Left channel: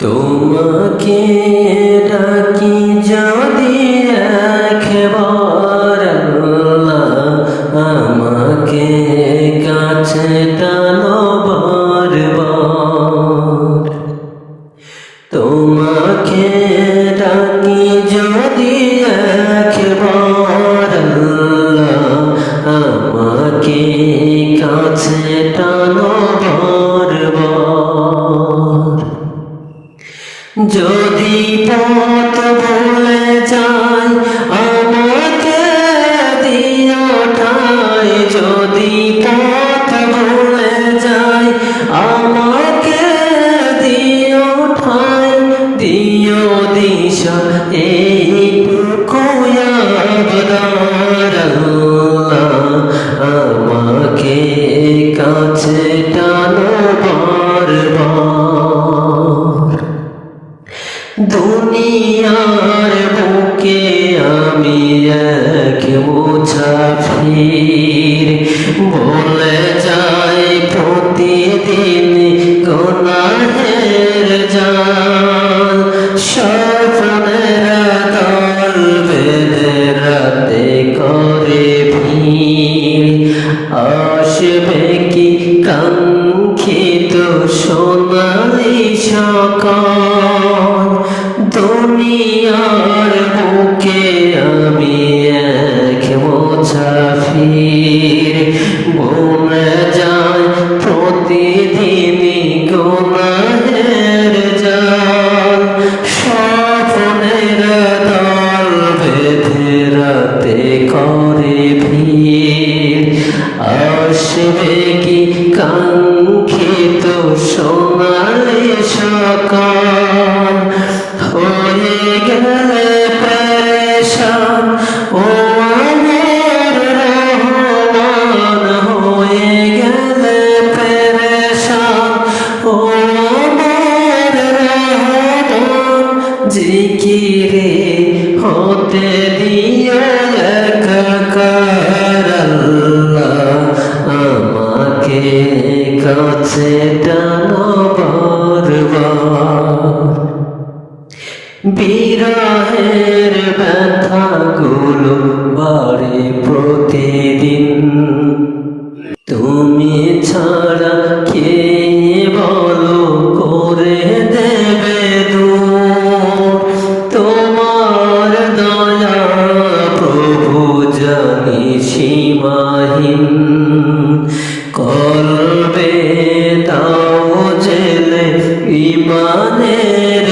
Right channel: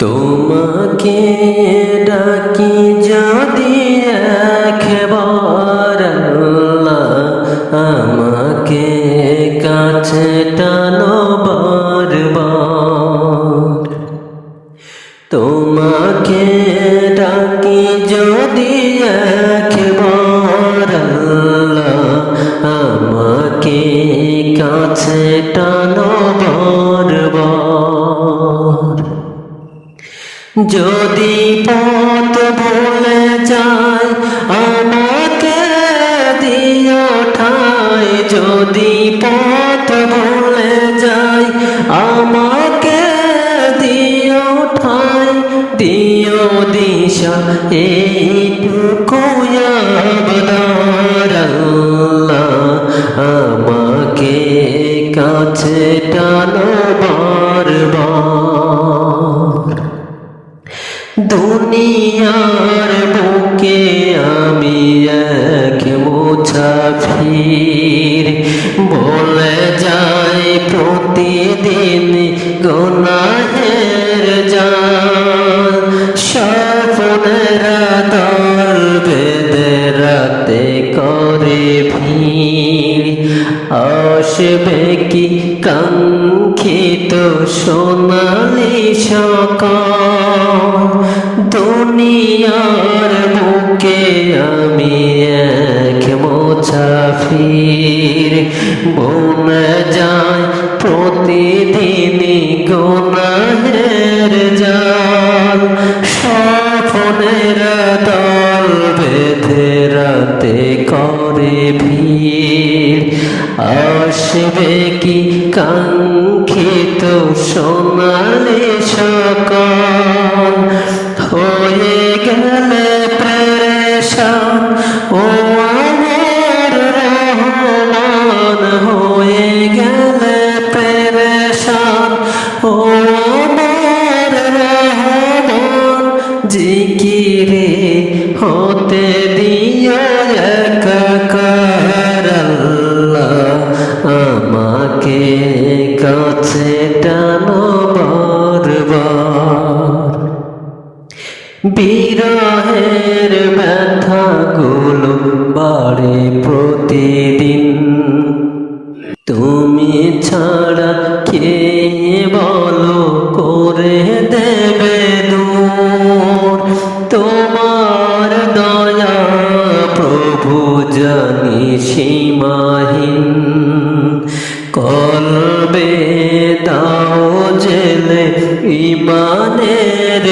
তোমাকে ডাকি যদি একবার আল্লাহ, আমাকে কাছে টানো বারবার। তোমাকে ডাকি যদি একবার আল্লাহ, আমাকে কাছে টানো বারবার। যদি পথ ভুলে যাই আমাকে দিও ঠাই, যদি পথ ভুলে যাই আমাকে দিও ঠাই, দিও দিশা এইটুকু আবদার আল্লাহ, আমাকে কাছে টানো বারবার। দুনিয়ার বুকে আমি এক মুসাফির, বলে যাই প্রতিদিন গুনাহের জাল। স্বপ্নের দল বেঁধে রাতে করে ভিড়, আসবে কি কাঙ্ক্ষিত সোনালি সকাল। দুনিয়ার বুকে আমি এক মুসাফির, বলে যায় প্রতিদিন গুনাহের জাল। স্বপ্নের দল বেঁধে রাতে করে ভিড়, আসবে কি কাঙ্ক্ষিত সোনালি সকাল। হয়ে গেলে পেরেশান ও আমার রহমান, হয়ে গেলে পেরেশান ও আমার রহমান। জিকিরে হতে দিও একাকার আল্লাহ, আমাকে কাছে টানো বারবার। বিরহের ব্যথাগুলো বাড়ে প্রতিদিন, তুমি ছাড়া কে বলো করে দেবে দূর। তোমার দয়া প্রভু জানি সীমাহীন, কলবে দাও জেলে ইমানের